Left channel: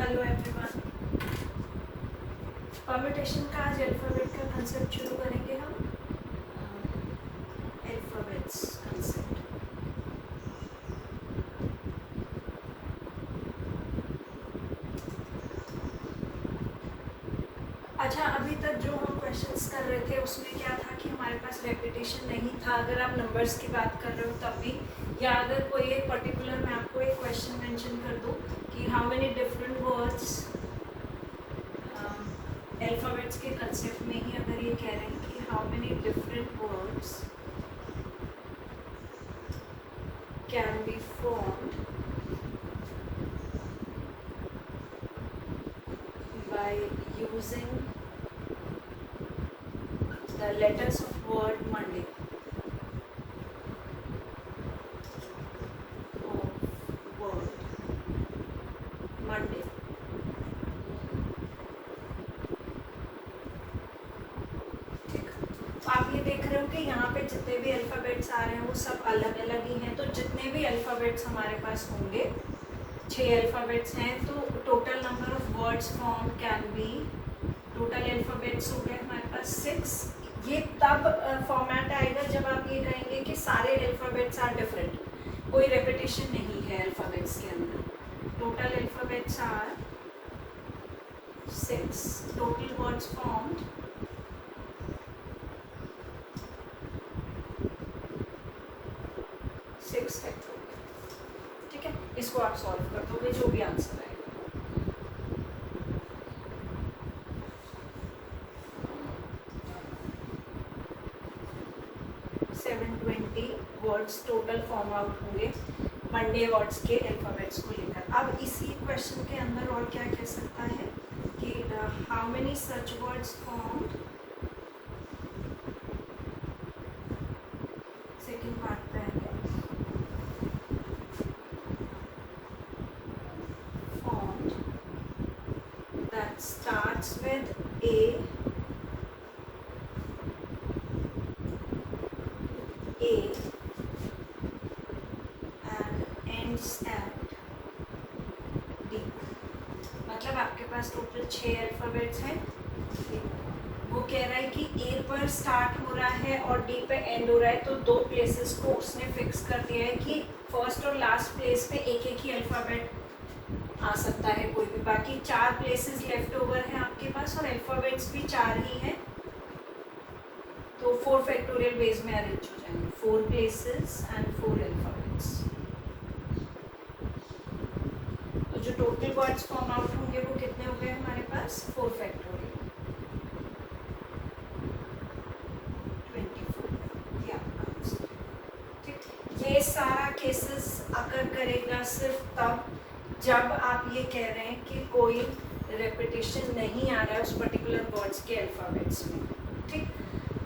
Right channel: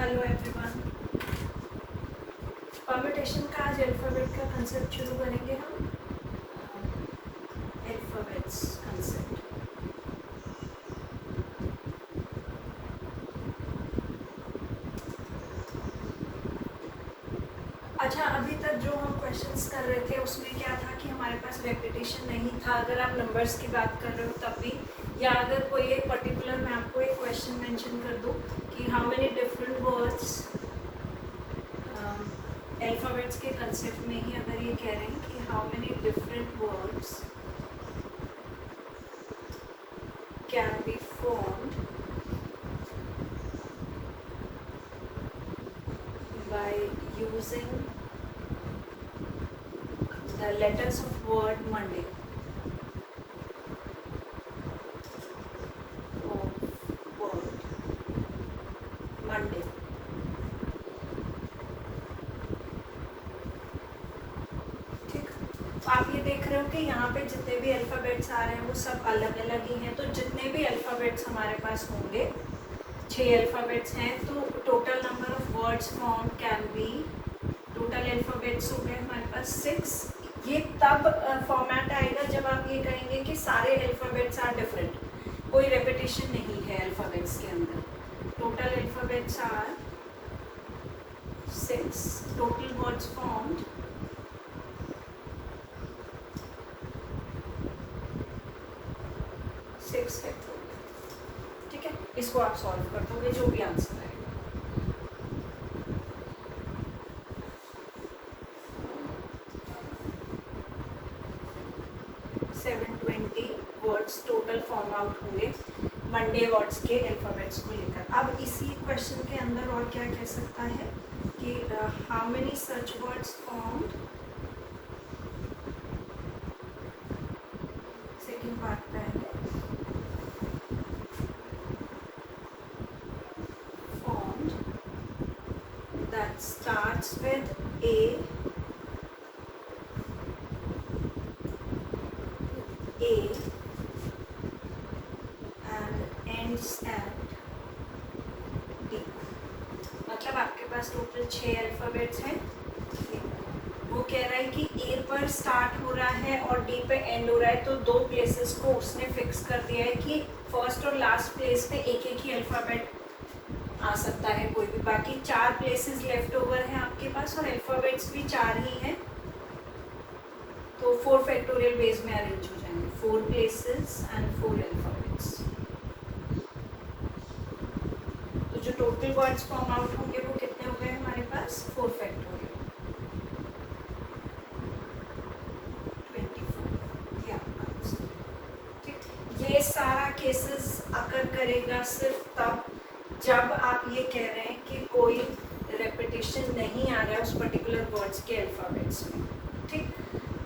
Hello everyone. Permutation का आज alphabet का कंसेप्ट शुरू करेंगे हम। Alphabets concept. अच्छा, अभी तक जो हम क्वेश्चंस कर रहे थे उसमें क्या था कि हमारे पास रेपिटेशन नहीं था। अगर आप नंबर्स की बात कर रहे हो तब भी, या अगर कोई एक पर्टिकुलर मैं आपको एक क्वेश्चन मेंशन कर दूँ कि how many different words, alphabets के कंसेप्ट में ही अगर ये कह रहे हैं कि how many different words can be formed by using the letters of word Monday. Of word Monday. ठीक, तो आप ये देख रहे हो कि यहाँ पे जितने भी अल्फ़ाबेट्स आ रहे हैं वो सब अलग अलग ही हैं। तो जितने भी अल्फ़ाबेट्स हमारे पास होंगे, 6 अल्फ़ाबेट्स हैं, तो total number of words form can be, total alphabets हो गए हमारे पास 6। ये तब फॉर्मेट आएगा जब आप ये कहेंगे कि सारे अल्फ़ाबेट्स आर डिफरेंट, कोई रेपिटेशन नहीं है अल्फ़ाबेट्स के अंदर। Total alphabets are 6, total words formed 6 factorial. ठीक है, इसको आप सॉल्व कर दोगे, जो भी आंसर आएगा। वर्ड्स टोटल फॉर्म आउट होंगे मंडे वर्ड्स के अल्फ़ाबेट्स को लेकर। अब इसी क्वेश्चन के अंदर और क्या कह सकता है कि how many such words formed, second part पे है, फॉर्म्ड दैट स्टार्ट्स विद ए मतलब आपके पास टोटल 6 अल्फ़ाबेट्स हैं। वो कह रहा है कि ए पर स्टार्ट हो रहा है और डी पे एंड हो रहा है, तो 2 प्लेसेस को उसने फिक्स कर दिया है कि फर्स्ट और लास्ट प्लेस पे एक एक ही अल्फ़ाबेट आ सकता है कोई भी। बाकी 4 प्लेसेस लेफ्ट ओवर हैं आपके पास और अल्फ़ाबेट्स भी 4 ही हैं, तो 4 फैक्टोरियल बेस में अरेंज हो जाएंगे। 4 प्लेसेस एंड 4 अल्फ़ाबेट्स। जो टोटल वर्ड्स फॉर्म आउट होंगे वो कितने हो गए हमारे पास? 4 फैक्टोरियल 24। ये आपका आंसर। ठीक, ये सारा केसेस अकर करेगा सिर्फ तब जब आप ये कह रहे हैं कि कोई रेपिटेशन नहीं आ रहा है उस पर्टिकुलर वर्ड्स के अल्फ़ाबेट्स में। ठीक,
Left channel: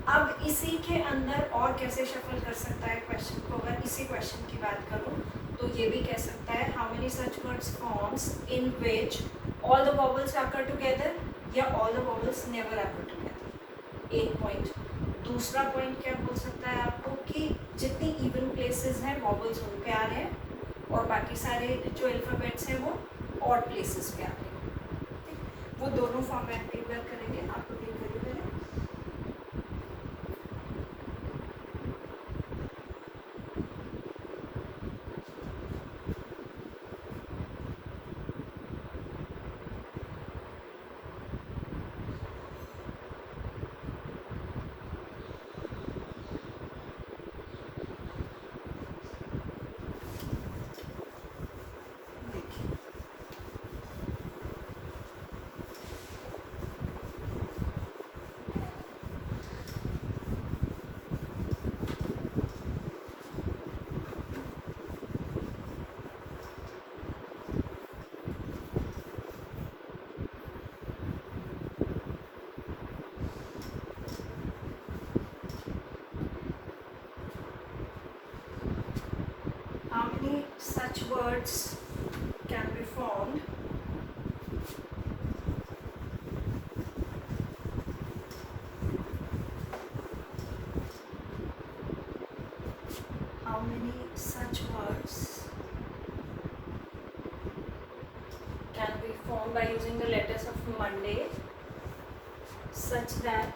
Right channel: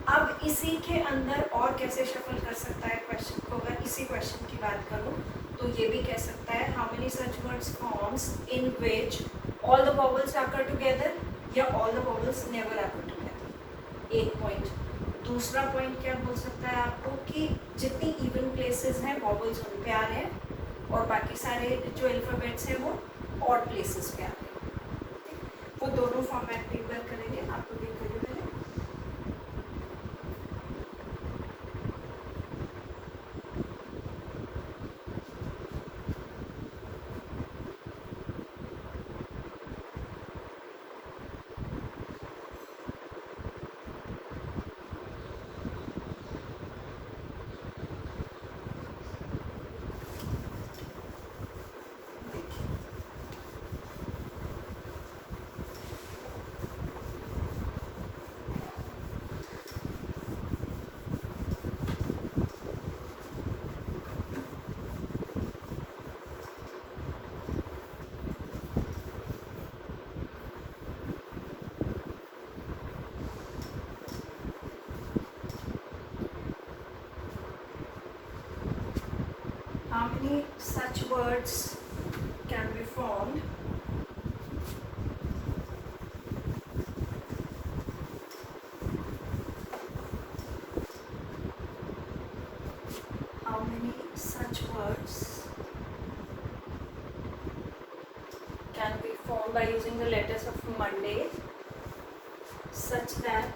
अब इसी के अंदर और कैसे शफल कर सकता है क्वेश्चन को? अगर इसी क्वेश्चन की बात करूँ तो ये भी कह सकता है how many such words forms in which all the vowels आकर टुगेदर या ऑल द वॉवल्स नेवर आकर टुगेदर। एक पॉइंट। दूसरा पॉइंट क्या बोल सकता है आपको कि जितनी इवन प्लेसेस हैं वॉवल्स उन पे आ रहे हैं और बाकी सारे जो अल्फ़ाबेट्स हैं वो ऑड प्लेसेस पे आ रहे हैं। वो दोनों फॉर्मेट एक बार करेंगे, आपको देख करिए पहले। How many such words can be formed how many such words can be formed by using the letters of Monday such that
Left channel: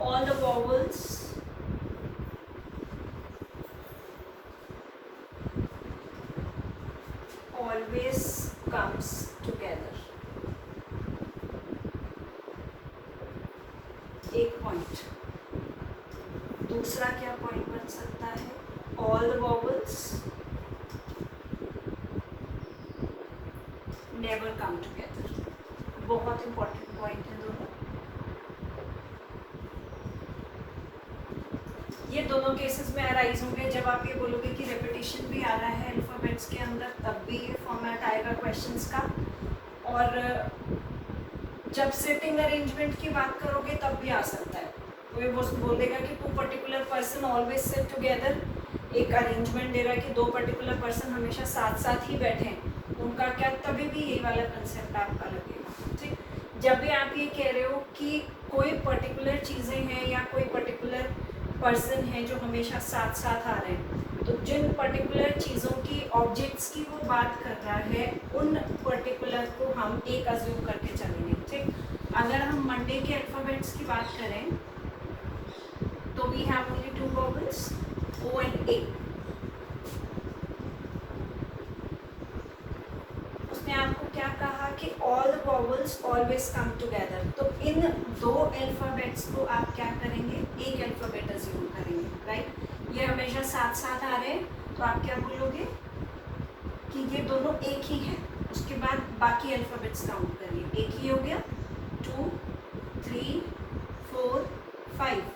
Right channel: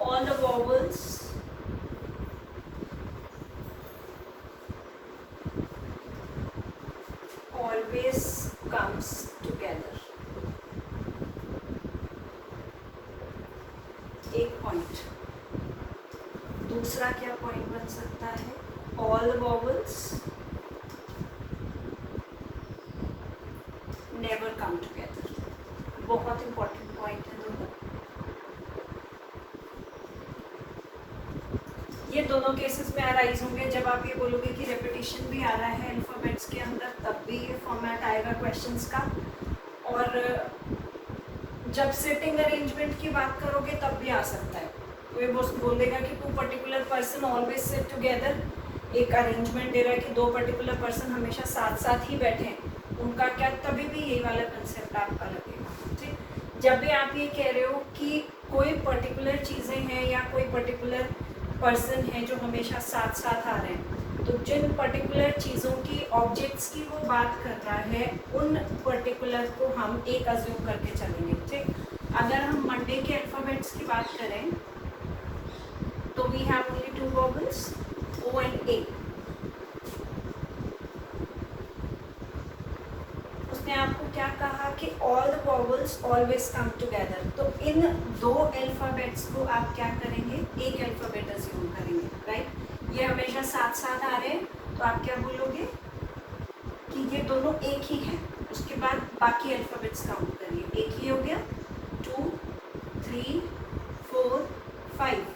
all the vowels always comes together. एक पॉइंट. दूसरा क्या पॉइंट बन सकता है? All the vowels never come together. बहुत important point है दोनों. ये दोनों केसेस में अराइज होंगे जब आप ये बोलोगे कि रेपिटेशन भी आ रहा है अल्फाबेट्स के अंदर, तब भी ये फॉर्मेट आएगा क्वेश्चंस का. और जब सिटिंग अरेंजमेंट की बात करोगे तब भी आ सकता है. तो ये बोल देगा कि two particular person always sit together. एक अरेंजमेंट दे रहा है कि दो पर्टिकुलर पर्सन हमेशा साथ साथ ही बैठे हैं. उनका क्या, तभी भी यही वाला कंसेप्ट आपका लगेगा. ठीक. जब भी आप ये कह रहे हो कि कोई पर्टिकुलर चीज़ें हैं या कोई पर्टिकुलर पर्सन है जो हमेशा साथ साथ आ रहे हैं, तो जिन पर्टिकुलर चीज़ों की, ऑब्जेक्ट्स की वो बात कर रहा है, उन पर्टिकुलर को हम एक अज्यूम करके चलेंगे. ठीक. अगर हम मंडे के अल्फ़ाबेट्स की बात करें तो we have only two vowels, O and A. उसने आपको क्या कहा कि all the vowels always come together. तो इन दो अल्फ़ाबेट्स को आप क्या करेंगे? एक अल्फ़ाबेट अज्यूम करेंगे. राइट. ये हमेशा साथ साथ आ रहे हैं, तो आप क्या बोलोगे कि ये दोनों एक ही हैं. उसके बाद बाकी अल्फ़ाबेट्स काउंट करिए. एक ही हो गया. 2, 3, 4, 5.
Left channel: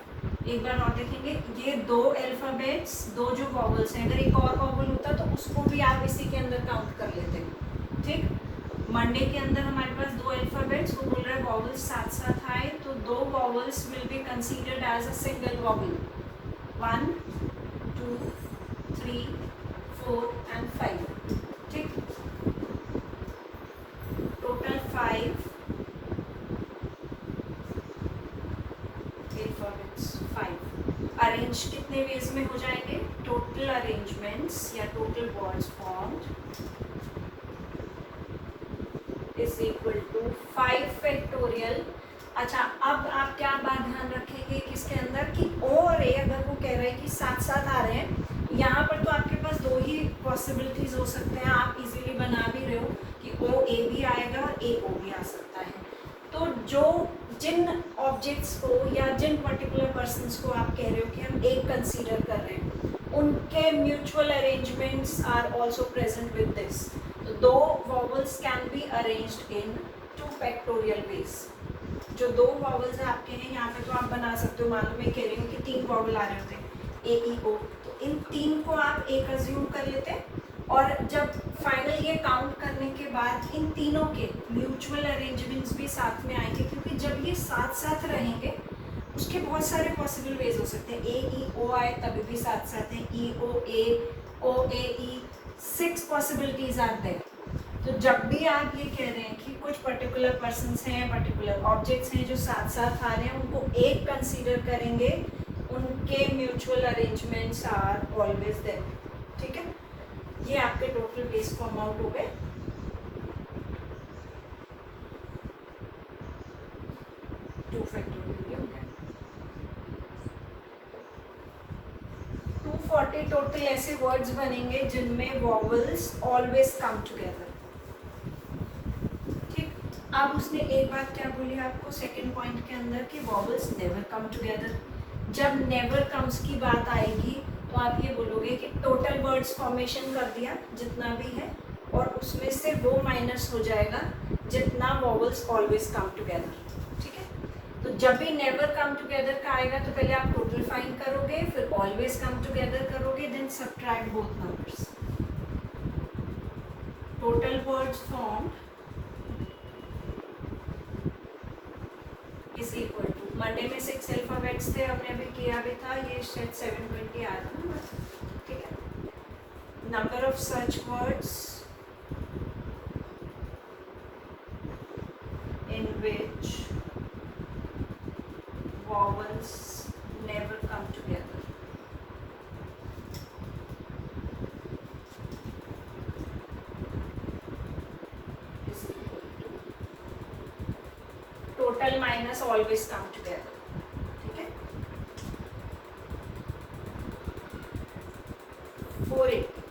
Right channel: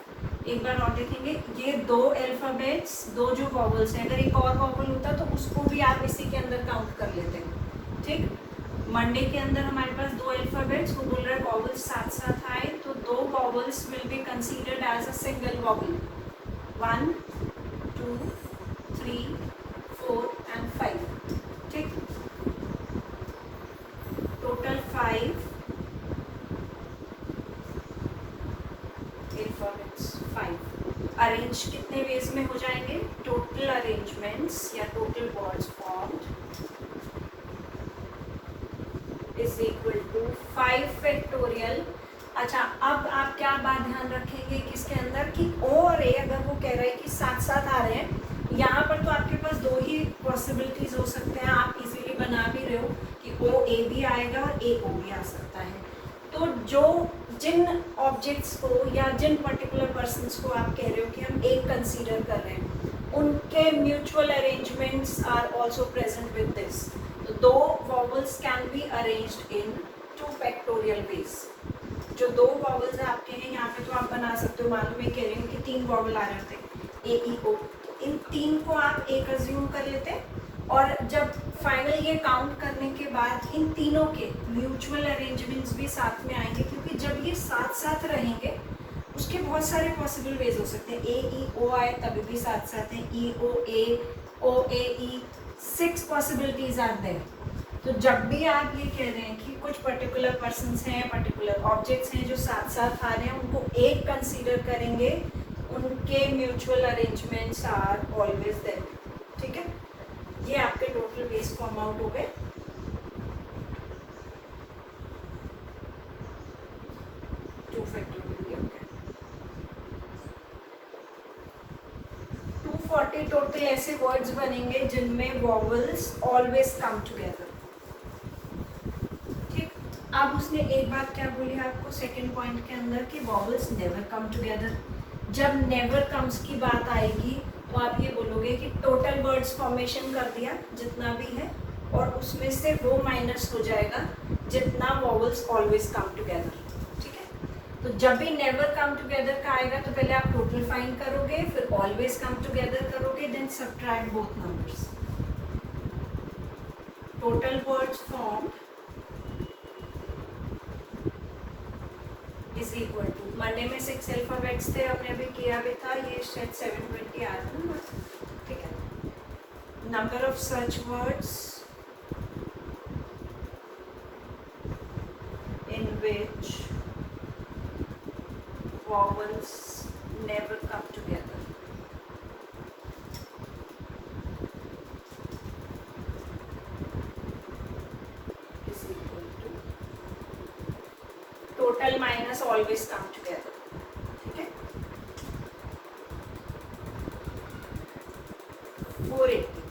एक बार और देखेंगे. ये दो अल्फ़ाबेट्स, दो जो वॉवल्स हैं, अगर एक और वॉवल होता तो उसको भी आप इसी के अंदर काउंट कर लेते हैं. ठीक. मंडे के अंदर हमारे पास दो अल्फ़ाबेट्स, वो बोल रहा है वॉवल्स साथ साथ आए, तो दो vowels will be considered as a single vowel. 1, 2, 3, 4 and 5. ठीक. Total 5 alphabets. 5 अरेंज कितने वेज में हो जाएंगे? टोटल अरेंजमेंट्स या total words formed is equal to 5 factorial. अच्छा, अब आप क्या बात ध्यान रखेंगे किसके अंदर कि ओ और ए, अगर वो कह रहे हैं कि साथ साथ आ रहे हैं, यहाँ पर तो आपके पास दो ही पॉसिबिलिटीज हो सकते हैं. आप इजीली बना भी रहे हो कि ओ ए भी आएगा और ए ओ भी आ सकता है. तो जिन ऑब्जेक्ट्स को या जिन पर्टिकुलर पर्सन्स को आप कह रहे हो कि हम एक कंसीडर कर रहे हैं, उनके mutual arrangements are also present with this. तो दो vowels can be arranged in 2 factorial ways. जो दो वॉवल्स आपके हैं यहाँ पे, तो आप बना सकते हो. मान लो मैं कह रही हूँ कि 3 वॉवल आ रहे होते, ए ई ओ, तो इन 3 को आप एक अज्यूम कर लेते. और जब फाइनल ये काउंट करने के बाद इन तीनों के म्यूचुअल अरेंजमेंट्स भी साथ में आएंगे, क्योंकि जब ये साथ साथ रहेंगे उसके बहुत सारे पॉसिबल वेज हो सकते हैं. ए ई ओ आए तभी भी साथ साथ हैं, ई ओ ए, ओ ए ई, 6 पॉसिबिलिटीज आर देयर. तो जब भी आप ये कह रहे हैं कि कुछ पर्टिकुलर पर्सन्स हैं, पर्टिकुलर ऑब्जेक्ट्स हैं जो साथ साथ आ रहे हैं, उनको एक कंसीडर करेंगे, उनके mutual arrangements are always there. ठीक है. ये आपके टोटल वेज फॉर्म आउट हो गए. टू फैक्टोरियल हो गया. 240 टोटल ऐसे वर्ड्स बनेंगे जिनमें वॉवल्स ऑलवेज कम टुगेदर. ठीक. अब उसने एक बात क्या बोली आपको सेकंड पॉइंट के अंदर कि वॉवल्स नेवर कम टुगेदर. जब नेवर कम्स की बात आएगी तो आप ये बोलोगे कि टोटल वर्ड्स फॉर्मेशन कर दिया जितना भी है, और उसमें से वो माइनस हो जाएगा जितना वॉवल्स ऑलवेज कम टुगेदर. ठीक है. तो जब भी नेवर कम टुगेदर का आएगा तो पहले आप टोटल फाइंड करोगे, फिर ऑलवेज कम टुगेदर करोगे, then subtract both numbers. Total words formed is equal to, Monday में 6 अल्फाबेट्स थे, हमने अभी किया भी था, ये शायद 720 आ रहा है. ठीक है. Number of search words in which vowels never come together. Is equal total minus always come together, ठीक है। 480।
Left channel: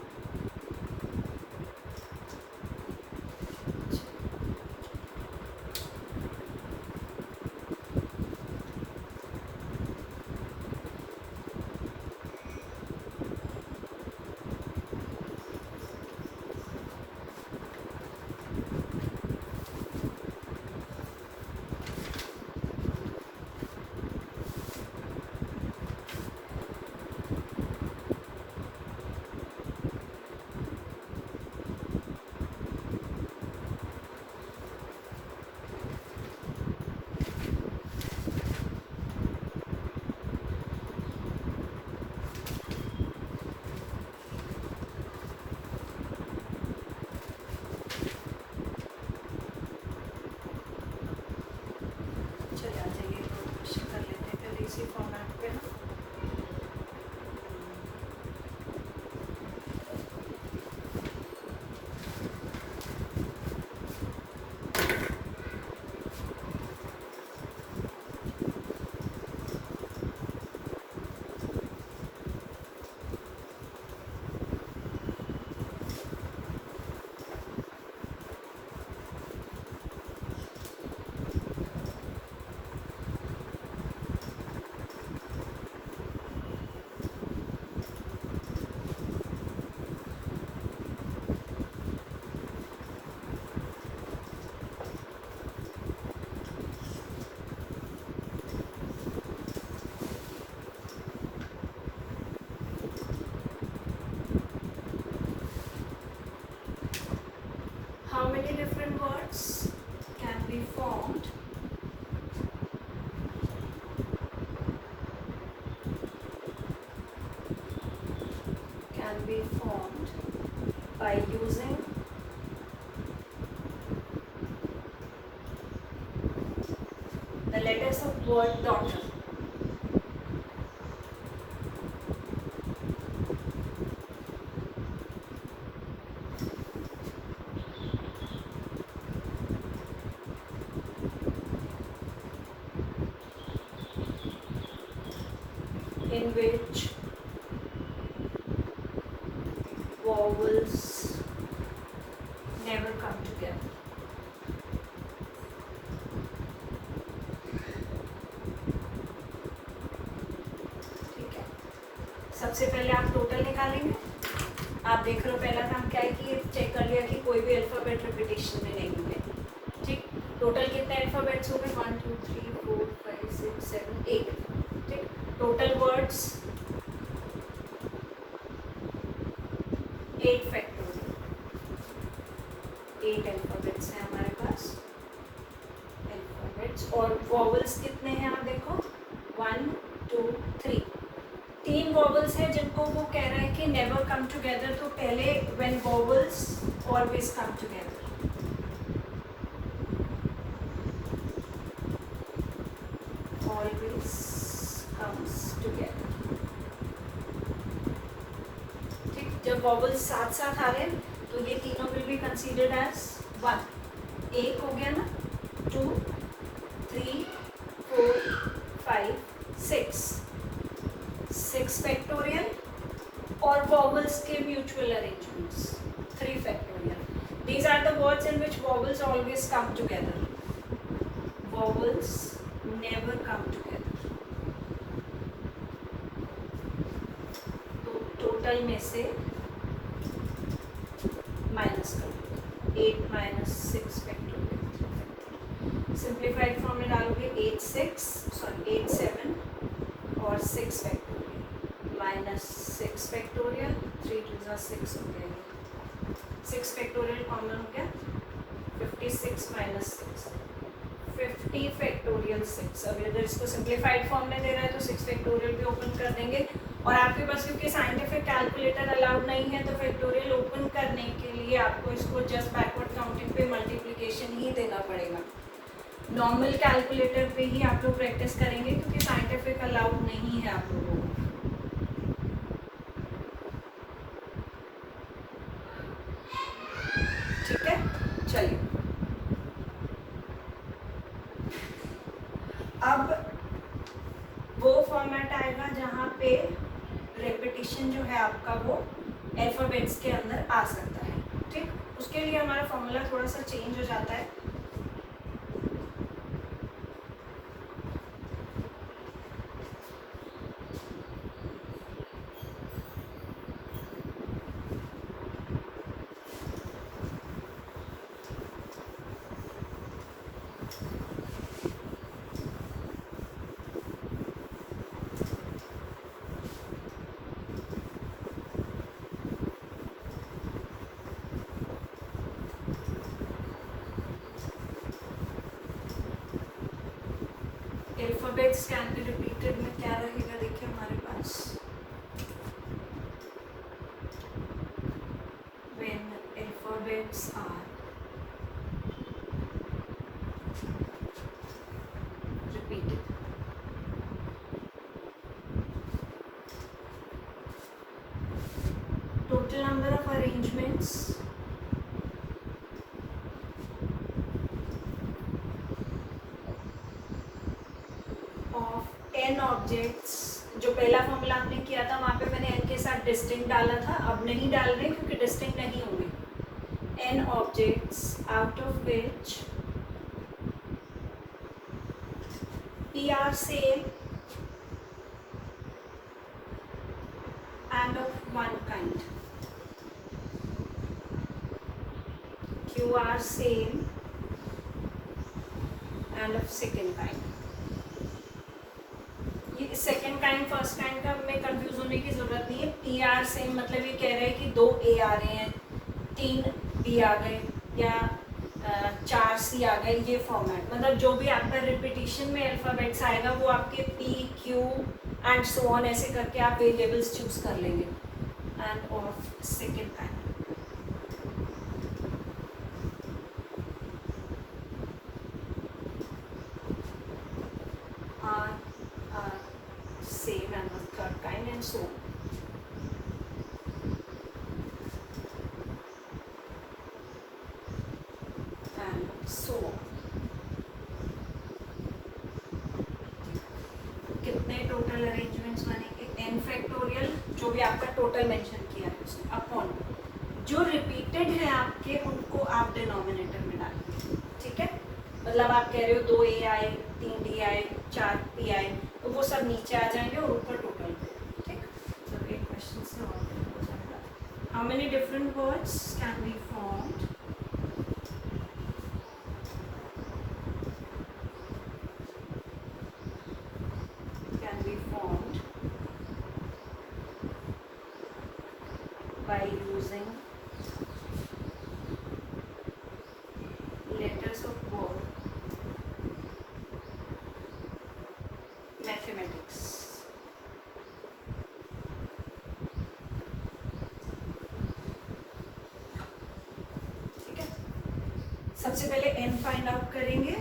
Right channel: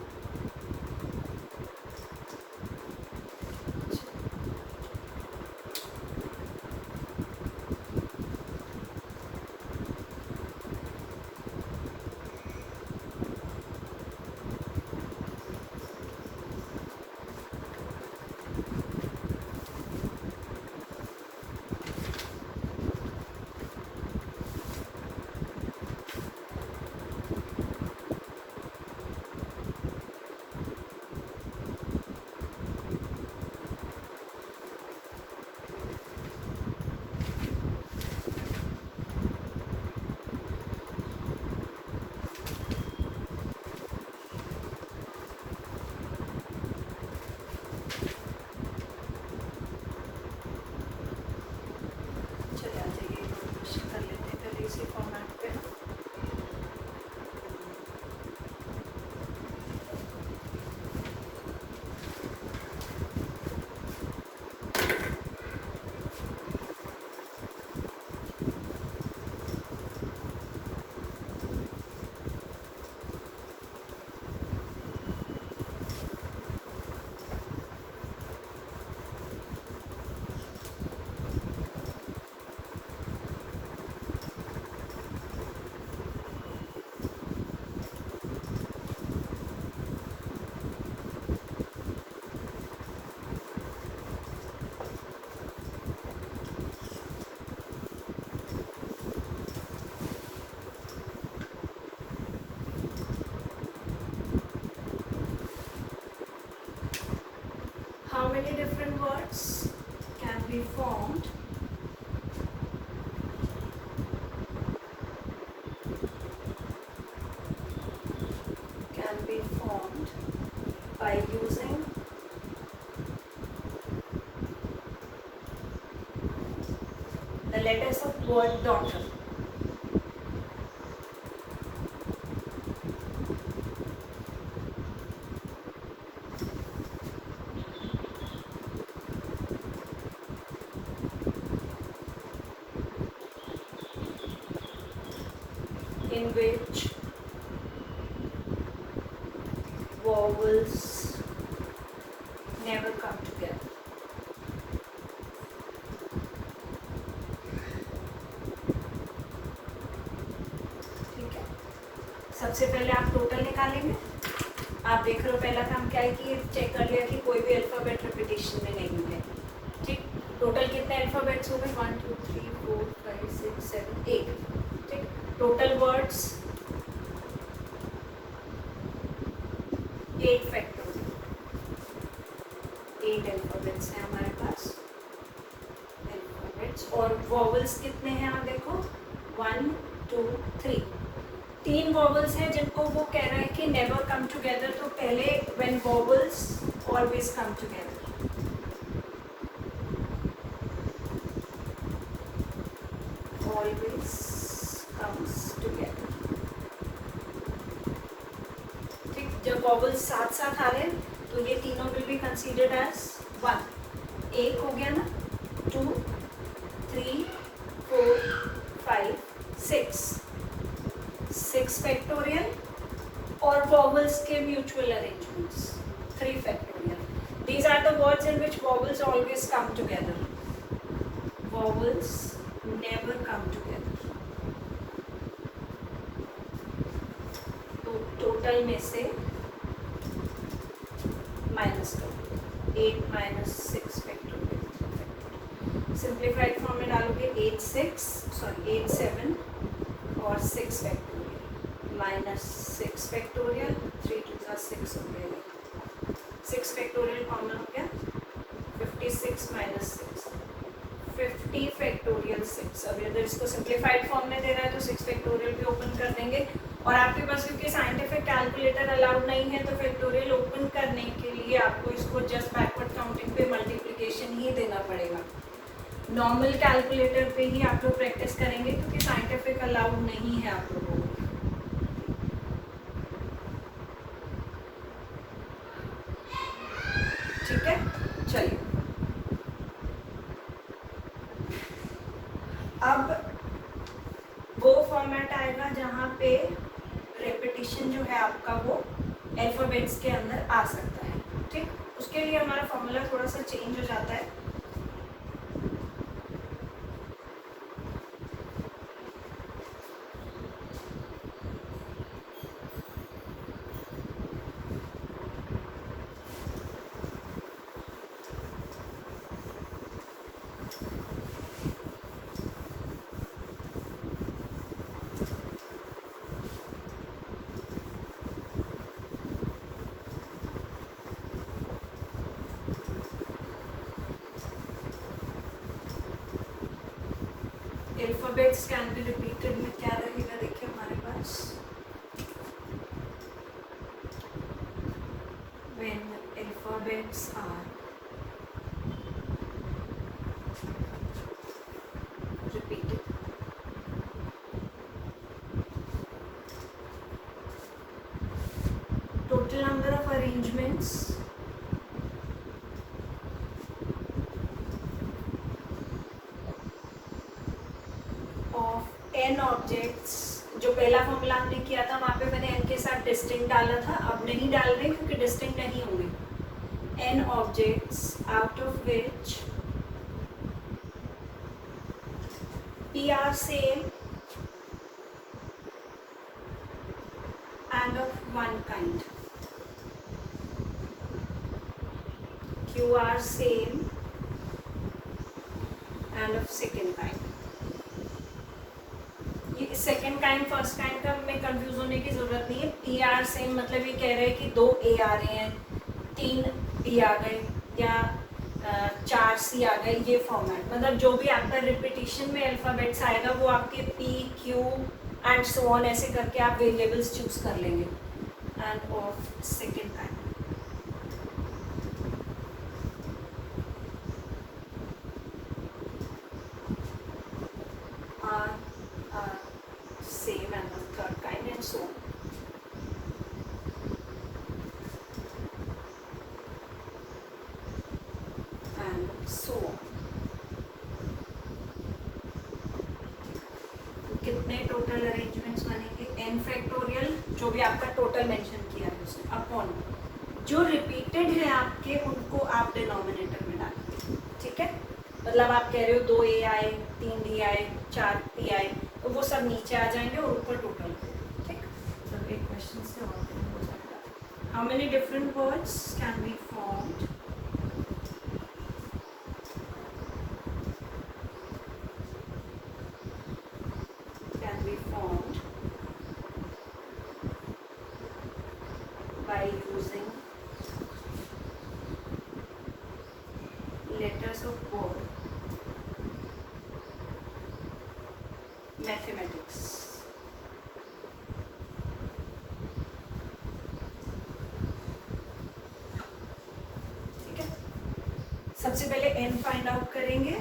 फॉर्मेट पे how many different words can be formed by using the letters of word daughter. In which vowels never come together. ठीक है, सबसे पहले आप total निकालेंगे। आप देख रहे हो पहला काम क्या है कि ये चेक कर लिया कि कोई भी अल्फाबेट रिपीटेशन में नहीं हुए। ठीक, टोटल कितने अल्फाबेट्स हो गए? 1 2 3 4 5 6 7 8। ठीक, टोटल वर्ड्स 8 फैक्टोरियल, 8 अल्फाबेट्स हैं हमारे पास अल्फाबेट्स। और वॉवल्स कितने हैं आप देखो 1 2 3, 3 वॉवल्स हैं जिनको वो कह रहे हैं कि नेवर कम टुगेदर। तो पहले when vowels always come together, always comes together. ठीक, जब वॉवल्स साथ साथ आ रहे हैं तो ये तीनों विल बी कंसीडर्ड एज 1। एक हो गया ना, 2 3 4 5 6, 6 फैक्टोरियल। और वॉवल्स के mutual arrangements 3 factorial. These are the words in which vowels always come together. Vowels never come together. तो टोटल में से माइनस करो, 8 माइनस 6 फैक्टोरियल। सिंप्लीफाइड फॉर्म में डालोगे 8 7 और 6 फैक्टोरियल माइनस 6 फैक्टोरियल। 3 2 6 हो गया, 6 फैक्टोरियल कॉमन हो गया। 56 माइनस 6 50 फैक्टोरियल 6। अभी अगर इसको सिंप्लीफाइड फॉर्म में दे रहा है तो 6 फैक्टोरियल भी ओपन कर देंगे। और आपके पास क्योंकि साइंटिफिक कैलकुलेटर अलाउड नहीं है तो फैक्टोरियल ओपन करने के लिए आपको इसको जस्ट बैकवर्ड काउंटिंग पे मल्टीप्लिकेशन ही देना पड़ेगा। नॉर्मल कैलकुलेटर पे ही आप लोग प्रैक्टिस करेंगे क्योंकि साइंटिफिक अलाउड नहीं है आप लोगों को। ठीक है, चलिए रेपिटेशन जो है आपका वो अल्फ़ाबेट्स के अंदर आ सकता है। ठीक, उसके लिए हमारा फॉर्मूला थोड़ा सा चेंज हो जाता है। अल्फ़ाबेट्स कैन बी रिपीटेड में क्या रहेगा, देखिए हमारे पास when alphabets are repeated, total number of arrangements of n objects, जो पहला फॉर्मूला आपने किया था वहाँ पे मैंने n के साथ डिस्टिंक्ट डाला था, अब नहीं डाल रहे क्योंकि डिस्टिंक्ट नहीं होंगे। n objects out of which p are same and of one kind, q are same and of second kind। ये सेकेंड काइंड फर्स्ट काइंड का में कंफ्यूज होने की जरूरत नहीं है। पी आर सेम मतलब ये कह रहे हैं कि 2 ए आ रहे हैं, 3 बी आ गए या 4 सी आ गए, ये फॉर्मेट मतलब जो भी आपका रिपीटिशन में अल्फ़ाबेट्स आएगा वो आपके P Q and so on ऐसे करके आप वेरिएबल्स चूज कर लेंगे। End of second kind same and the third kind and so on। And so on। कितने टोटल अरेंजमेंट्स बनेंगे, n फैक्टोरियल जो भी आपका टोटल मेंशन किया है उसमें अपॉन जो रिपीटेड है आपके उनको आप डिनोमिनेटर में डालेंगे। ठीक है, मतलब आप कह रहे हो 2 ए आए, 3 डी आए, 4 पी आए, तो वो सब नीचे आ जाएंगे और ऊपर टोटल। ठीक, तो एक क्वेश्चन से और हो जाएगा। How many different words can be formed by using letters of word mathematics. ठीक है, सबसे पहले n फाइंड आउट करेंगे।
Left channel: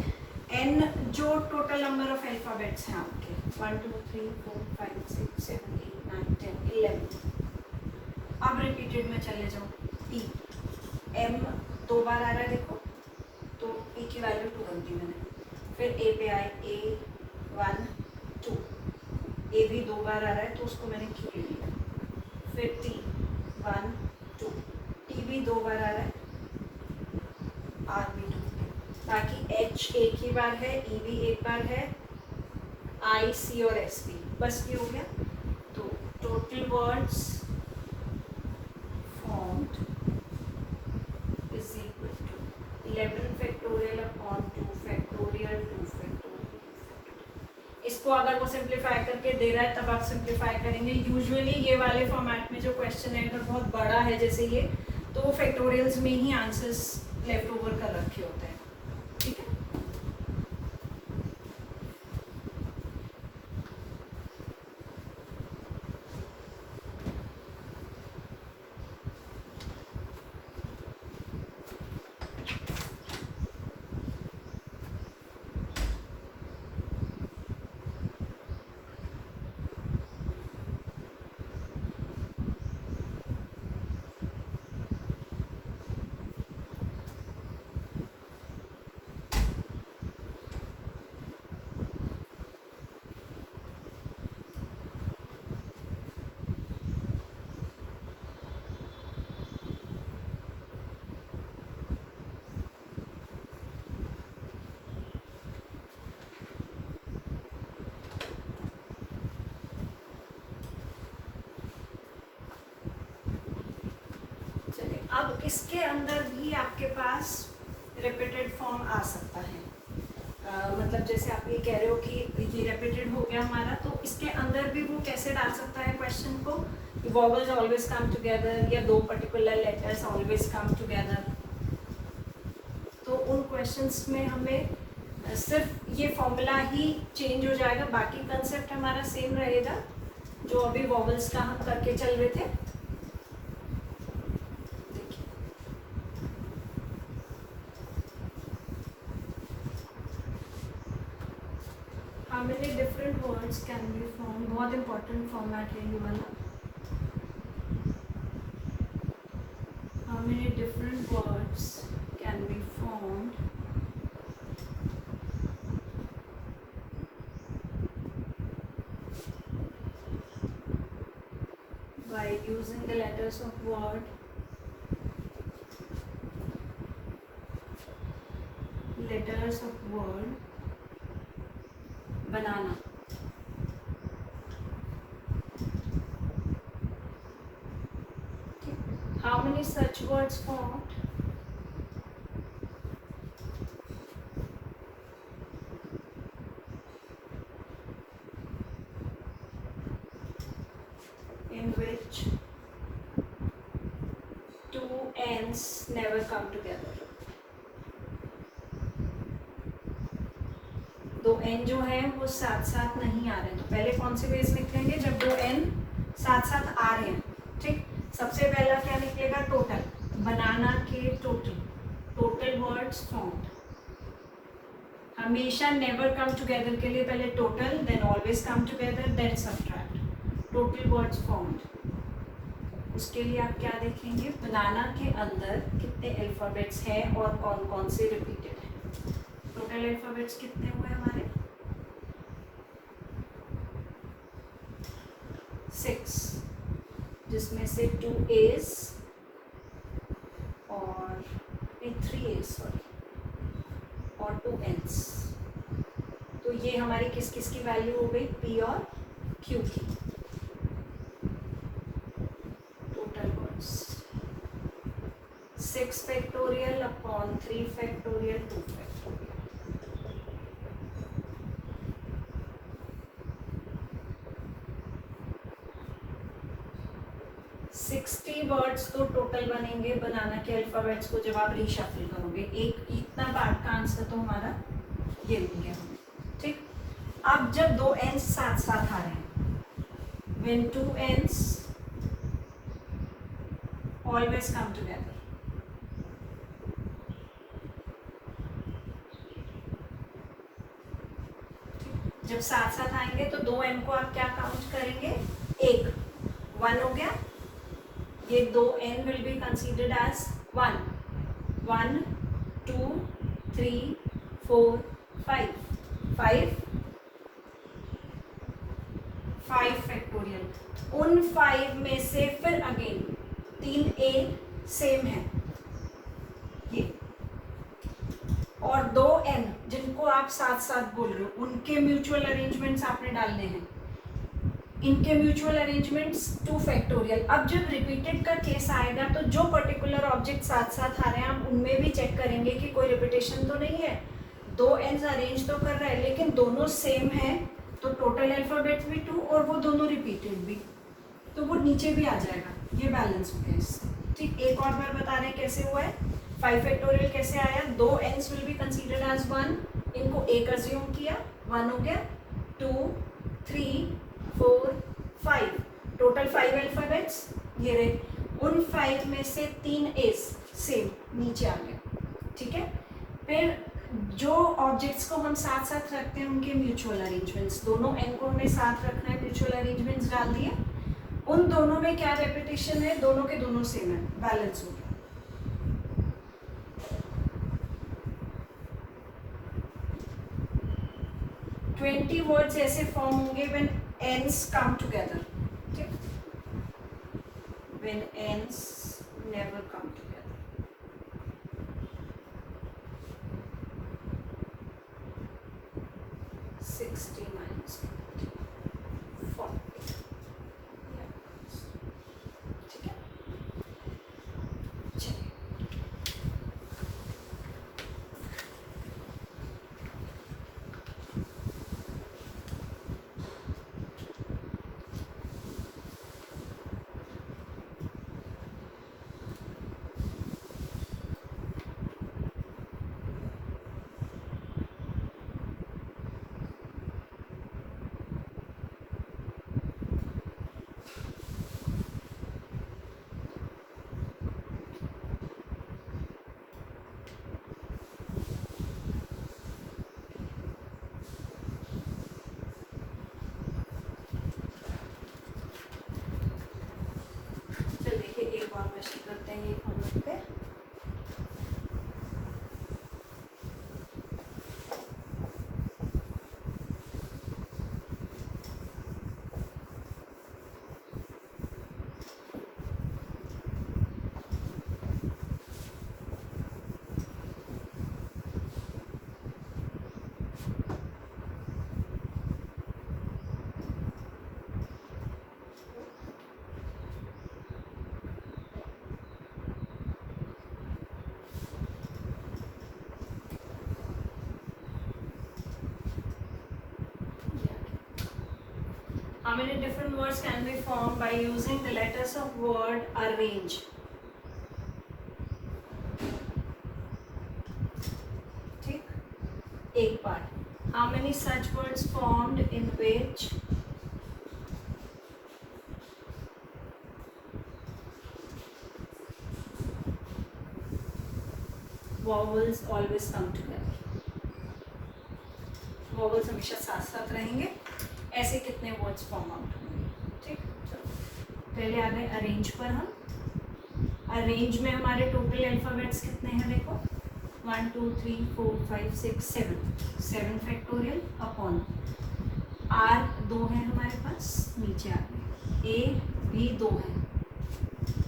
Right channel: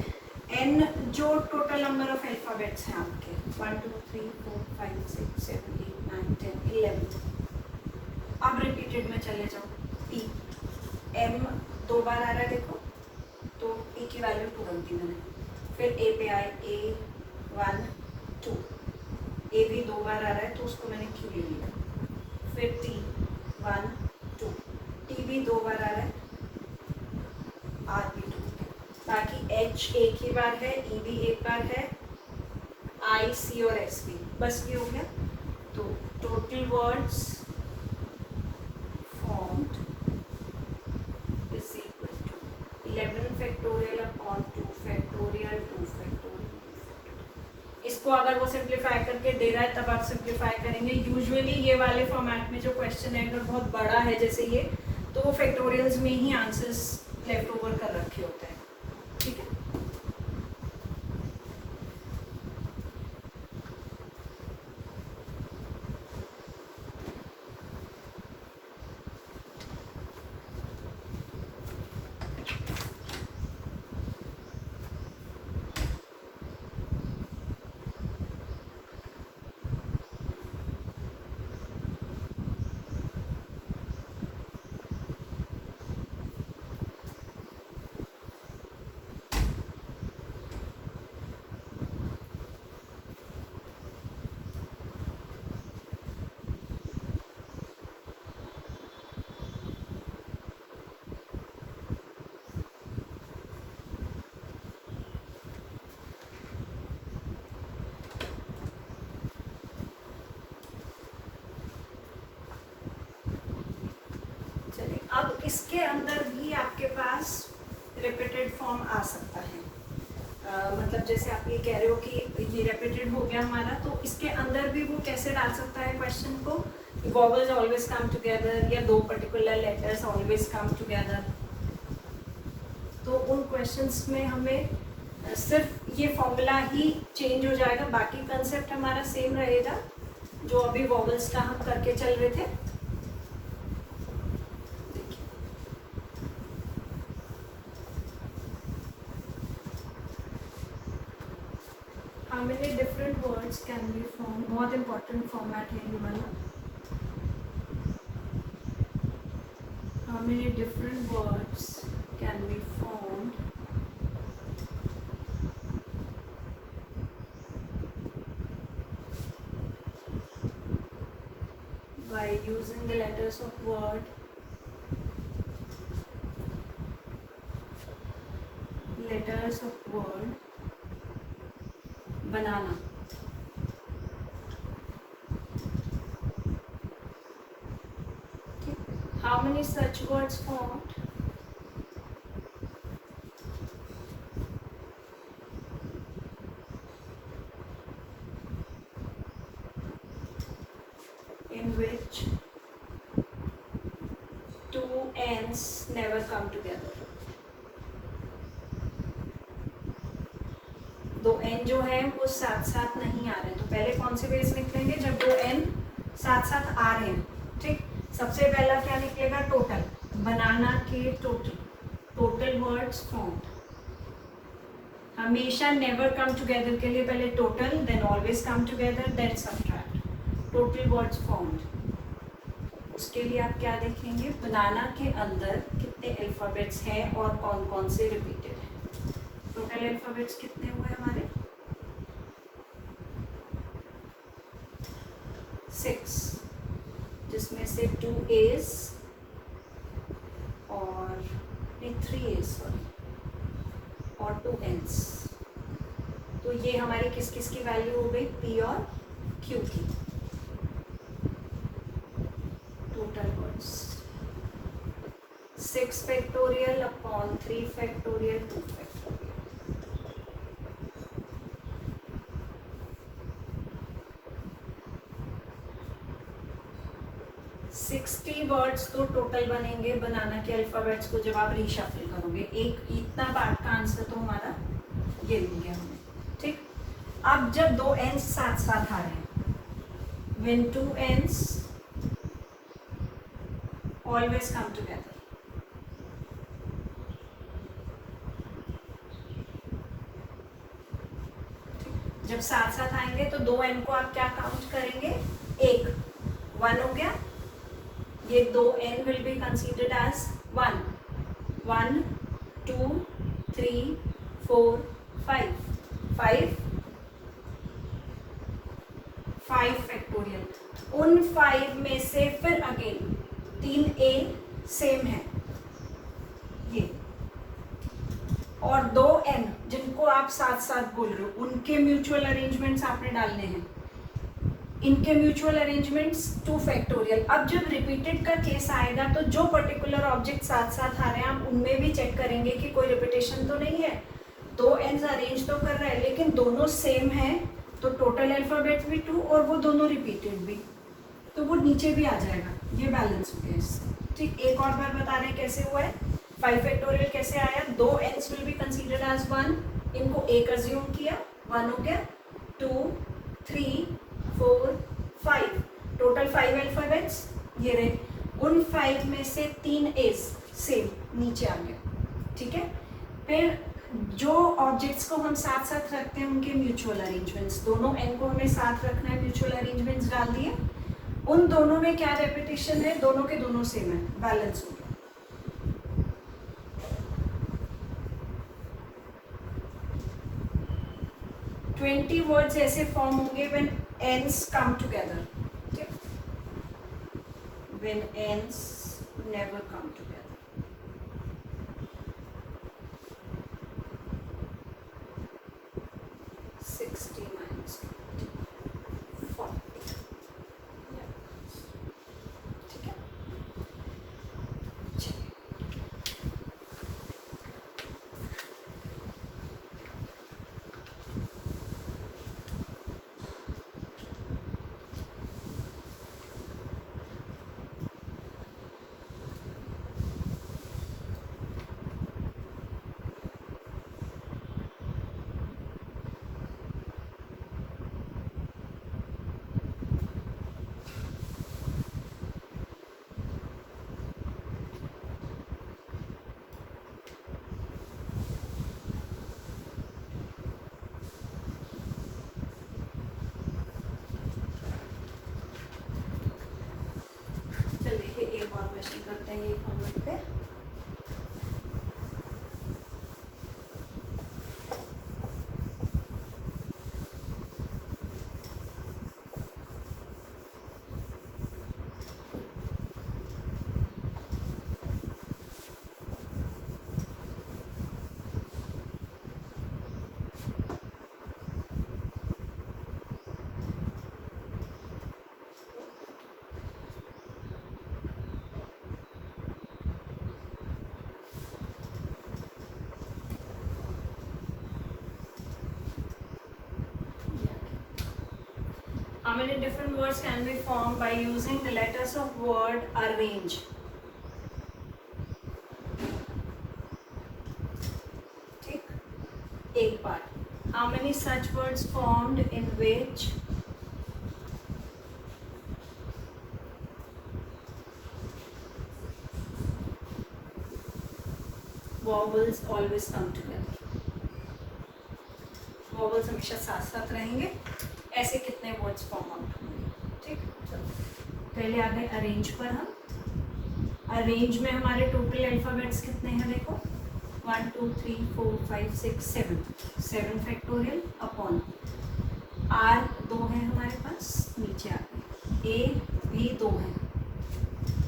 n जो टोटल नंबर ऑफ अल्फाबेट्स हैं आपके 1 2 3 4 5 6 7 8 9 10 11। अब रिपीटेड में चले जाओ। p m 2 बार आ रहा है देखो, तो p की वैल्यू 2 बनती मैंने। फिर a पे आए a 1 2, ए भी 2 बार आ रहा है तो उसको मैंने q ले लिया। फिर t 1 2, t भी 2 बार आ रहा है, r भी 2, बाकी h एक ही बार है, e भी एक बार है, i c और s भी, बस ये हो गया। तो total words formed is equal to 11 factorial upon 2 factorial 2 factorial. इसको अगर वो सिंप्लीफाई करके दे रहा है तब आप सिंप्लीफाई करेंगे। यूजुअली ये वाले फॉर्मेट में जो क्वेश्चन है अगर बहुत बड़ा है जैसे ये, तो वो फैक्टोरियल्स में ही आंसर्स लेफ्ट ओवर कर रखे होते हैं। ठीक है, अब इसके अंदर भी आपके पास रिपीटेड फॉर्म आ सकता है। मतलब जैसे आप ये कह रहे हो कि ये रिपीटेड हो गया हमारा, तो इसके अंदर भी वो कैसे डाल सकता है क्वेश्चन को, वॉवल्स ऑलवेज कम टुगेदर या दो particular letters always come together. तो उन क्वेश्चंस में हमें सिर्फ ये फॉर्मूला ही चेंज हो जाएगा, बाकी कंसेप्ट हमारा सेम रहेगा जो अभी वॉवल्स का हम करके चल रहे थे। How many different words can be formed? बहुत important format है ये वाला। How many different words can be formed by using the letters of word, banana? How many such words formed? In which two ends never come together. दो N जो है वो साथ साथ नहीं आ रहे हैं, तो पहले कौन से वेज निकलेंगे जब दो एन साथ साथ आ रहे हैं। ठीक, सबसे पहला क्या निकलेगा, टोटल, बनाना के टोटल वर्ड्स फॉर्म्ड। हमेशा नेवर कम टुगेदर के लिए पहले total, then always come together, then subtract, total words formed. उसके लिए आप क्या देखेंगे, बनाना के अंदर कितने अल्फाबेट्स हैं और कौन कौन से रिपीटेड है। टोटल अल्फाबेट्स कितने हुए हमारे, 6, जिसमें से 2 A's और 3 A's सॉरी और 2 N's। तो ये हमारी किस किस की वैल्यू हो गई, P और Q की। Total words 6 factorial upon 3 factorial 2 factorial. 60 words तो टोटल बनेंगे बनाना के अल्फाबेट्स को जब आप रीशफल करोगे। एक इतना पार्ट का आंसर तो हमारा ये मिल गया हमें। ठीक, अब जब दो एंस साथ साथ आ रहे हैं, when two ends always come together, जब साथ साथ आएंगे तो दो एन को आप क्या काउंट करेंगे, एक, 1 हो गया, ये दो N will be considered as 1, 1 2 3 4 5 5 factorial. उन 5 में से फिर अगेन 3 ए सेम है ये, और 2 एन जिनको आप साथ साथ बोल रहे हो उनके म्यूचुअल अरेंजमेंट्स आपने डालने हैं। इनके म्यूचुअल अरेंजमेंट्स 2 फैक्टोरियल। अब जब रिपीटेड का केस आएगा तो जो पर्टिकुलर ऑब्जेक्ट साथ साथ आ रहे हैं आप उनमें भी चेक करेंगे कि कोई रिपीटेशन तो नहीं है। 2 एन्स अरेंज तो कर रहे हैं लेकिन दोनों सेम है, तो टोटल अल्फाबेट भी 2 और वो दोनों रिपीटेड भी, तो वो नीचे भी आ जाएगा, ये बैलेंस हो गया इससे। ठीक, एक और बार बता रहे हैं कैसे हुआ है। 5 फैक्टोरियल कैसे आया, 2 एन्स विल बी कंसीडर्ड एज 1, इनको एक अज्यूम किया, 1 हो गया, 2 3 4 5, टोटल 5 अल्फाबेट्स ये रहे। उन 5 में से 3 एस सेम नीचे आ गया। ठीक है, फिर जो ऑब्जेक्ट्स को हम साथ साथ रखते हैं उनके म्यूचुअल अरेंजमेंट्स, दोनों एन को हमें साथ रखना है, म्यूचुअल अरेंजमेंट्स डाल दिए। उन दोनों में क्या रेपिटेशन है, दोनों के दोनों सेम है, बैलेंस हो गया। ट्वेंटी वर्ड्स ऐसे फॉर्म होंगे व्हेन एंड्स कम टुगेदर। ठीक, when ends never come together. 60 minus 40। ठीक है, पे। How many different words can be formed by using the letters of word arrange? ठीक, एक part. How many such words formed in which vowels always come together? Vowels हमेशा साथ साथ रहेंगे. ऐसे कितने वर्ड्स फॉर्म आउट होंगे? ठीक, चलो पहले आ गए अरेंज पर. हम अरेंज में हमारे टोटल अल्फाबेट्स कितने हैं? देखो 1 2 3 4 5 6 7 फैक्टोरियल अपॉन आर 2 है हमारे पास, नीचे आ गए ए भी 2 है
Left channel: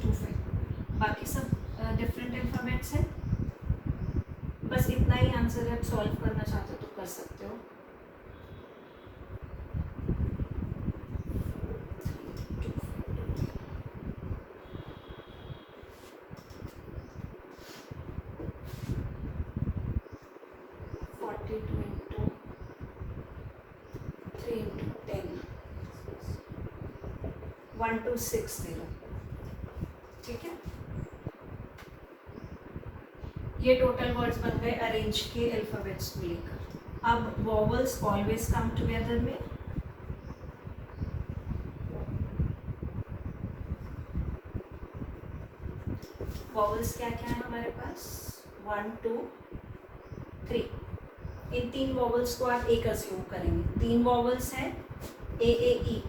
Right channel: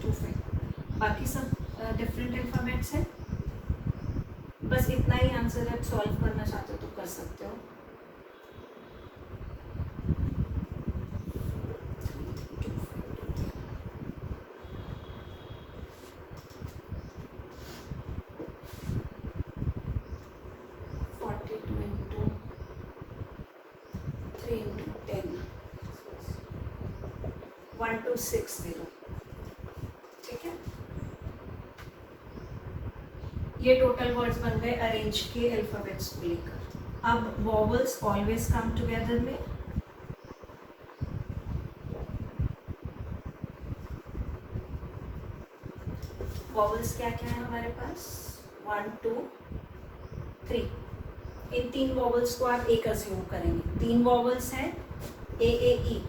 2 फैक्टोरियल. बाकी सब डिफरेंट अल्फाबेट्स हैं. बस इतना ही आंसर है. सॉल्व करना चाहते हो तो कर सकते हो. वन टू सिक्स दे दो. ठीक है, ये टोटल वर्ड्स बन गए अरेंज के अल्फाबेट्स को लेकर. अब वॉवल्स ऑलवेज कम टुगेदर में वॉवल्स क्या क्या है हमारे पास? 1 2 3. इन 3 वॉवल्स को आप एक अज्यूम करेंगे. 3 वॉवल्स हैं ए ए ई.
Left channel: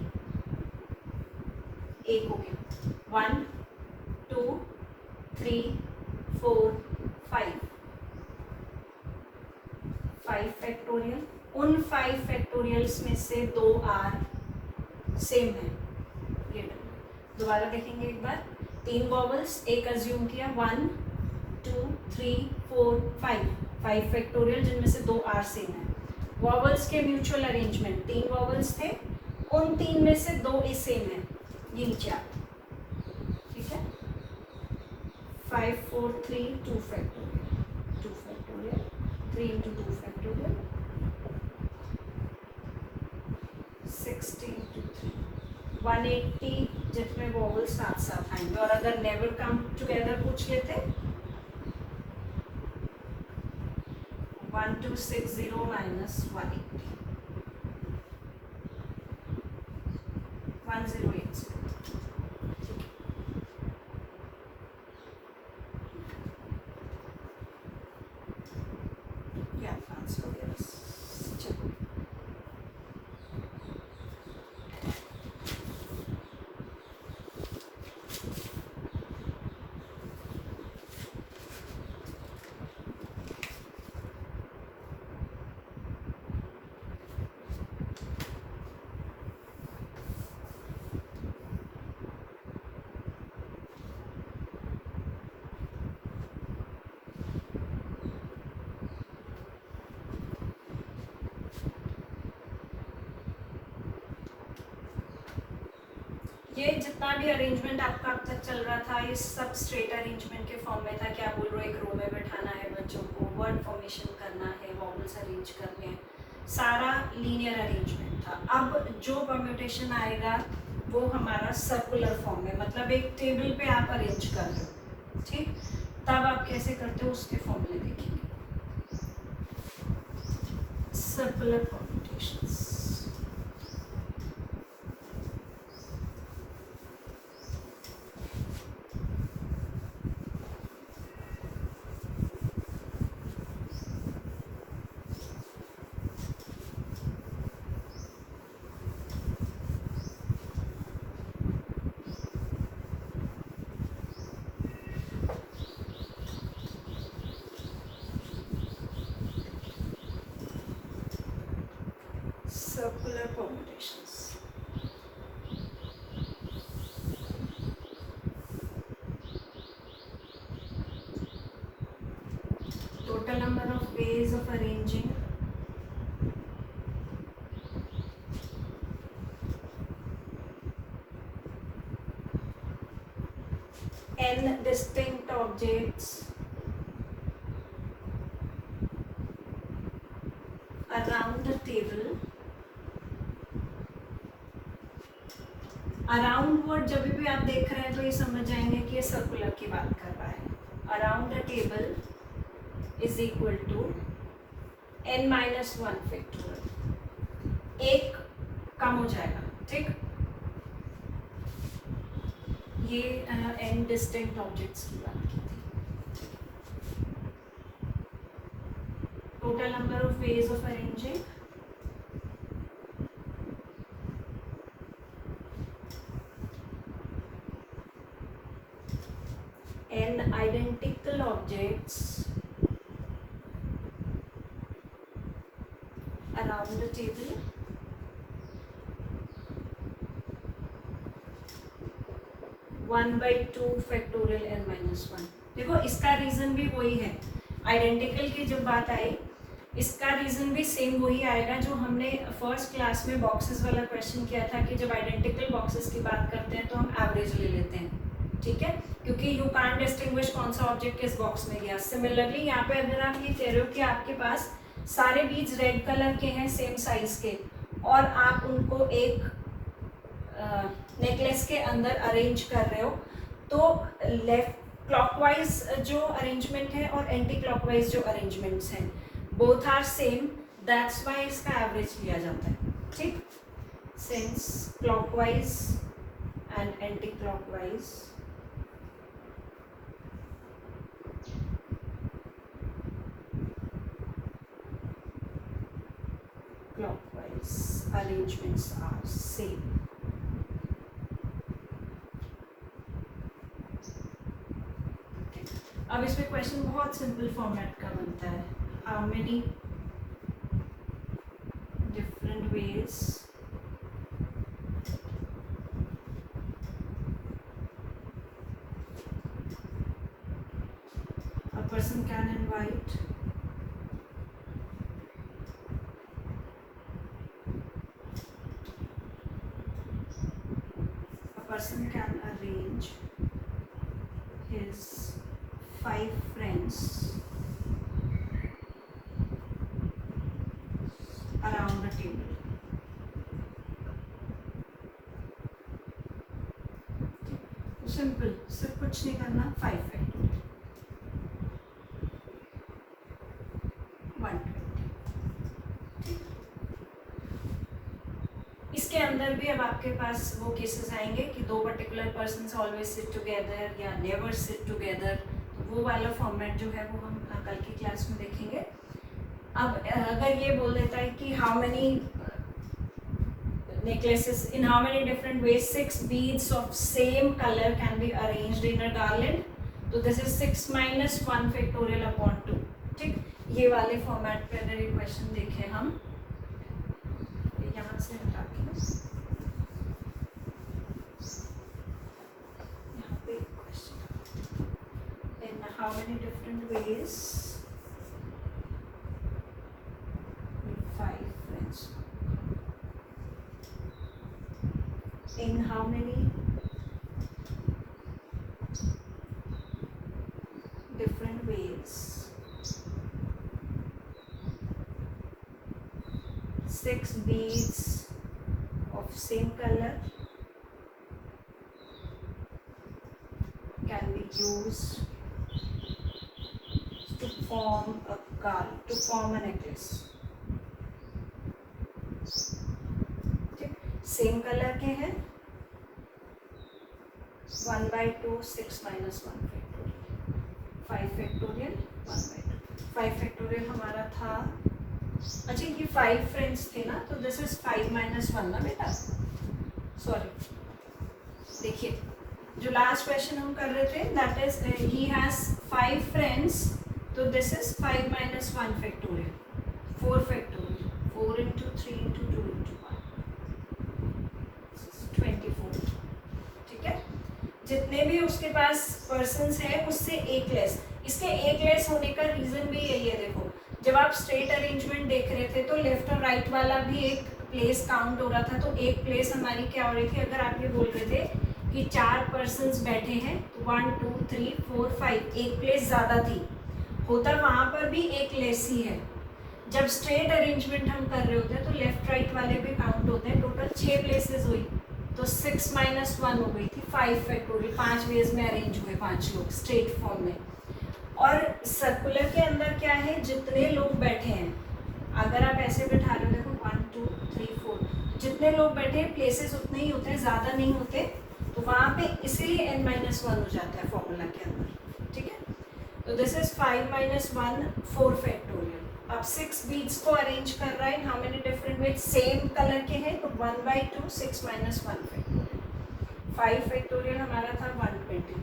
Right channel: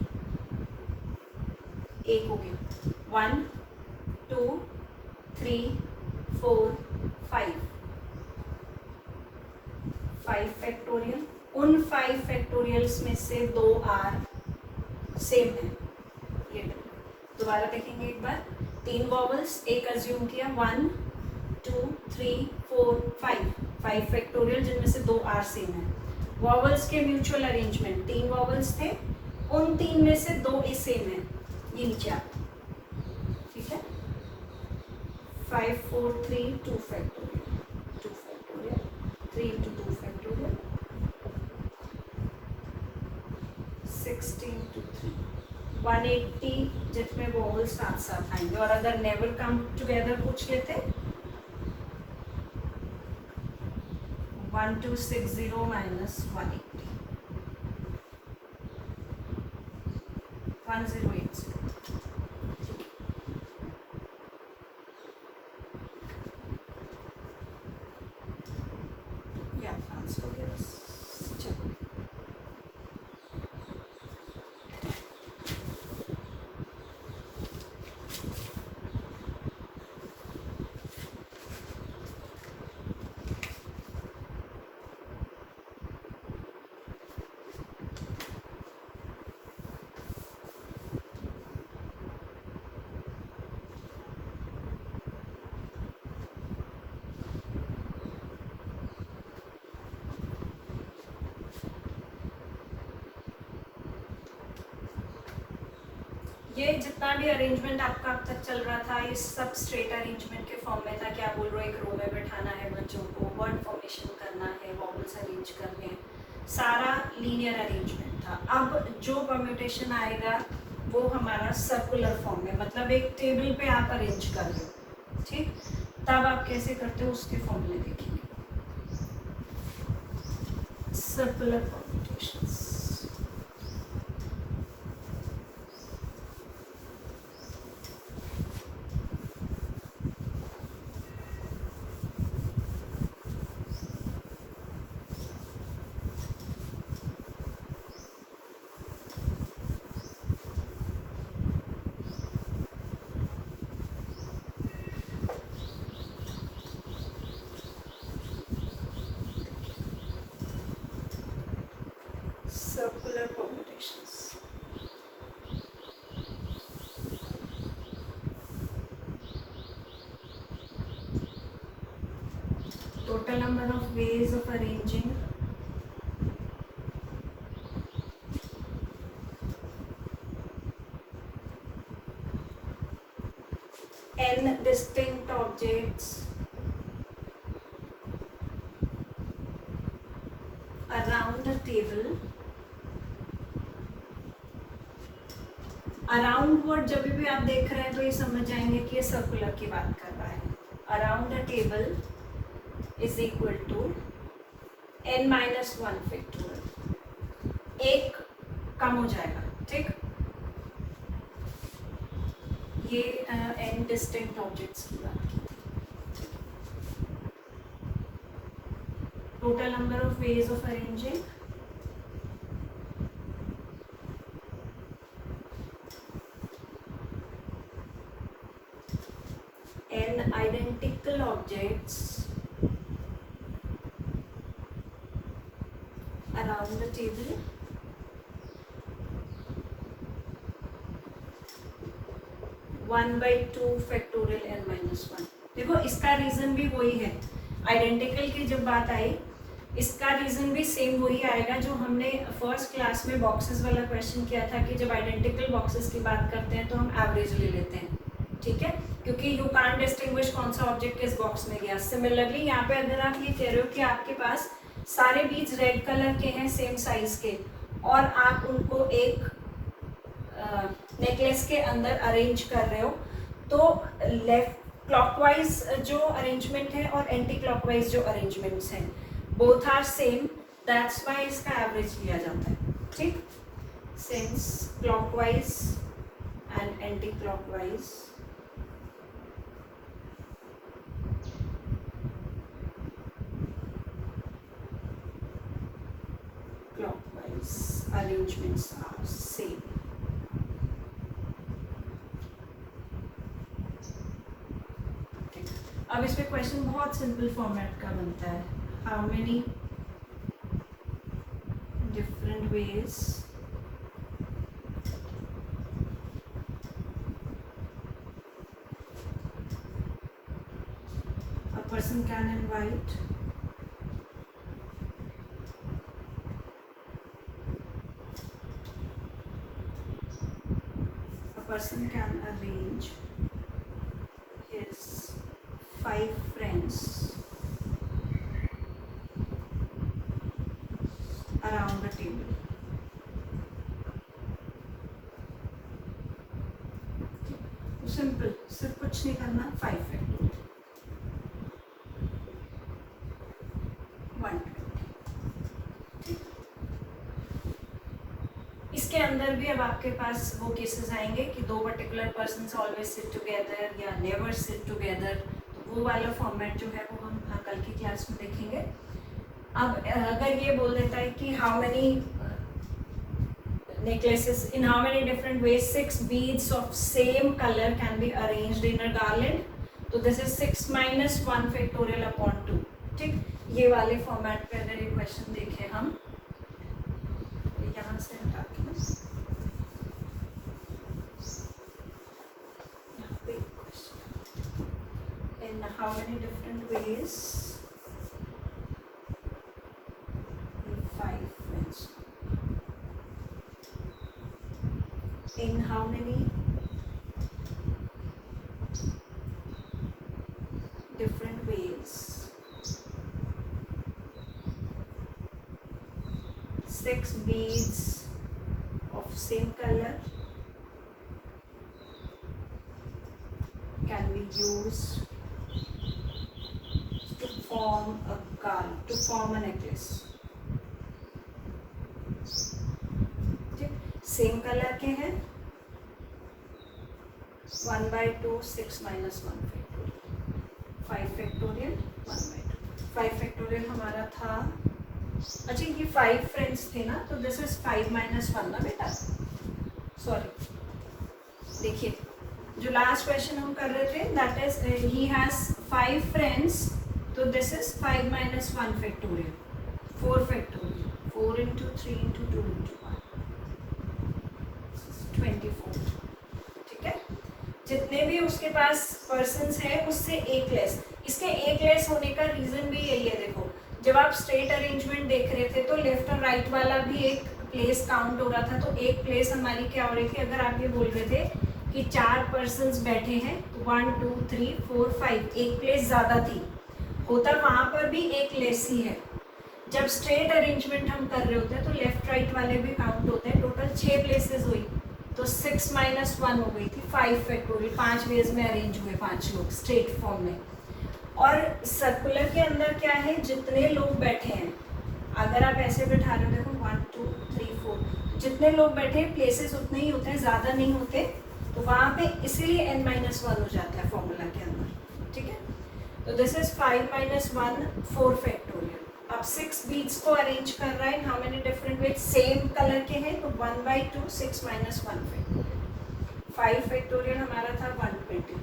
एक हो गया. 1 2 3 4 5 5 फैक्टोरियल. उन 5 फैक्टोरियल्स में से 2 आर सेम है. ये दोबारा देखेंगे एक बार. 3 वॉवल्स एक अज्यूम किया. 1 2 3 4 5 फैक्टोरियल जिनमें से 2 आर सेम है. वॉवल्स के म्यूचुअल अरेंजमेंट 3 वॉवल्स थे. उन 3 में से 2 ही सेम है. ये नीचे आता. ठीक है, 5 4 3 2 फैक्टोरियल 3 into 2 फैक्टोरियल 16 into 3 180 जिसमें वॉवल साथ साथ आएंगे. और अगर नेवर कम टुगेदर पूछ लेते 1260 minus 180 1080. ये जितना भी अरेंजमेंट आपका अब तक चल रहा था ये सब स्ट्रेट अरेंजमेंट के फॉर्म में था. क्या बोल रहे हो? एक रो में बैठाना है बच्चों को, वर्ड फॉर्मेशन करना है, वॉवल्स अरेंज करने हैं, सारा लीनियर अरेंजमेंट था. अब जो परम्यूटेशन आएगा वो हमारा सर्कुलर फॉर्म में, मतलब एक टेबल पे आप अरेंज कर रहे हो. ठीक, तब आप कैसे करते हो उसके फॉर्मूले देखेंगे. Circular permutations. total number of ways of arranging n distinct objects around the table. Around word जब भी आप देख रहे हैं तो ये समझ जाएंगे कि ये सर्कुलर की बात कर रहा है. Around the table is equal to n-1 factorial. एक कम हो जाएगा, ठीक. ये n डिस्टिंक्ट ऑब्जेक्ट्स की बात की थी. Total number of ways of arranging n identical objects around the table one by two factorial n-1. देखो इसका रीजन भी वही है. आइडेंटिकल की जब बात आई, इसका रीजन भी सेम वही आएगा जो हमने फर्स्ट क्लास में बॉक्सेस वाला क्वेश्चन किया था कि जब आइडेंटिकल बॉक्सेस की बात करते हैं तो हम एवरेज ले लेते हैं, ठीक है, क्योंकि यू कांट डिस्टिंग्विश कौन सा ऑब्जेक्ट किस बॉक्स में गया. सिमिलरली यहाँ पे अगर आप ये कह रहे हो कि आपके पास सारे बीज रेड कलर के हैं सेम साइज के और आप उनको एक नेकलेस के अंदर अरेंज कर रहे हो, तो लेफ्ट क्लॉकवाइज जो अरेंजमेंट है और एंटी क्लॉकवाइज जो अरेंजमेंट्स हैं both are same. That's why इसका एवरेज लिया जाता है, ठीक. Since clockwise and anti clockwise arrangements are same. Okay. अब इसमें क्वेश्चन बहुत सिंपल फॉर्मेट का बनता है. How many different ways a person can invite person can arrange his 5 friends around the table. Simple, सिर्फ कुछ नहीं करना. 5 फैक्टोरियल 120. इसके अंदर भी अब आपके पास वो केसेस आएंगे कि दो particular persons always sit together या नेवर सिट टुगेदर. तो वो वाला फॉर्मेट जो है वो हम कल की क्लास में देखेंगे. अब अगर ये बोल देता है कि how many necklaces in how many different ways 6 beads of same color can be arranged in a garland, तो this is 6 minus 1 factorial upon 2, ठीक. ये वाले फॉर्मेट पे अगर ये क्वेश्चन देखें हम, यहाँ से हटा के यहाँ पे question in how many different ways 5 friends in how many different ways 6 beads of same color can be used to form a necklace. Same colour के हैं. 1/2 6 minus 1 फैक्टोरियल 5 फैक्टोरियल 1/2. 5 फैक्टोरियल हमारा था. अच्छा ये 5 फ्रेंड्स थे ना, तो दिस इज 5 minus 1 ना बेटा. सॉरी, देखिए जो लास्ट क्वेश्चन हम कर रहे थे that is he has 5 friends, तो this is 5 minus 1 factorial 4 factorial 4 into 3 into 2 into 1 24. ठीक है, जितने भी उसके पास पर्सन्स हैं उससे एक लेस. इसके एक लेस होने का रीजन भी यही है। देखो जब आप स्ट्रेट अरेंजमेंट देख रहे थे तो लेफ्ट और राइट वाला भी एक प्लेस काउंट हो रहा था, तो एक प्लेस हमारी क्या हो रही थी, अगर आप ये बोल रहे थे कि 4 पर्सन्स बैठे हैं, 1 2 3 4 5, एक प्लेस ज़्यादा थी, होता वहाँ पर भी एक लेस ही है। जब स्ट्रेट अरेंजमेंट हम कर रहे होते हैं तो लेफ्ट राइट वाले भी काउंट होते हैं। टोटल 6 प्लेसेस हुई, तो 6 - 1 हो गई थी 5 फैक्टोरियल। 5 वेज में अरेंज हुए 5 लोग स्ट्रेट फॉर्म में। और सर्कुलर के अंदर क्या है, जितने लोग बैठे हैं, अगर आप ऐसे बैठा रहे हो, देखो 1 2 3 4, जितने लोग बैठे हैं प्लेसेस उतने ही होते हैं, ज़्यादा नहीं होते, तो वहाँ पे इसीलिए n-1 हो जाता है फॉर्मूला के अंदर। ठीक है, तो दिस इज 5 - 1 4 फैक्टोरियल। अब 6 बीड्स को अरेंज कर रहा है, how many different ways, same colour के हैं, तो 1/2 6 - 1 फैक्टोरियल। 5 फैक्टोरियल हमारा था 120।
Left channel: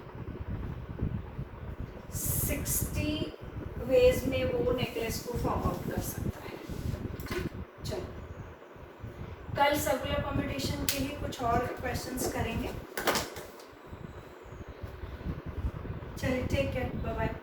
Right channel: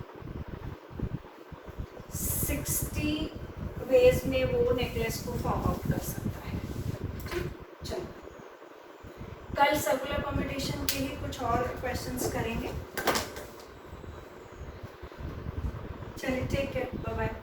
60 वेज में वो नेकलेस को फॉर्म आउट कर सकता है। चलो कल सर्कुलर परम्यूटेशन के लिए कुछ और क्वेश्चंस करेंगे। चलिए ठीक है, बाय बाय।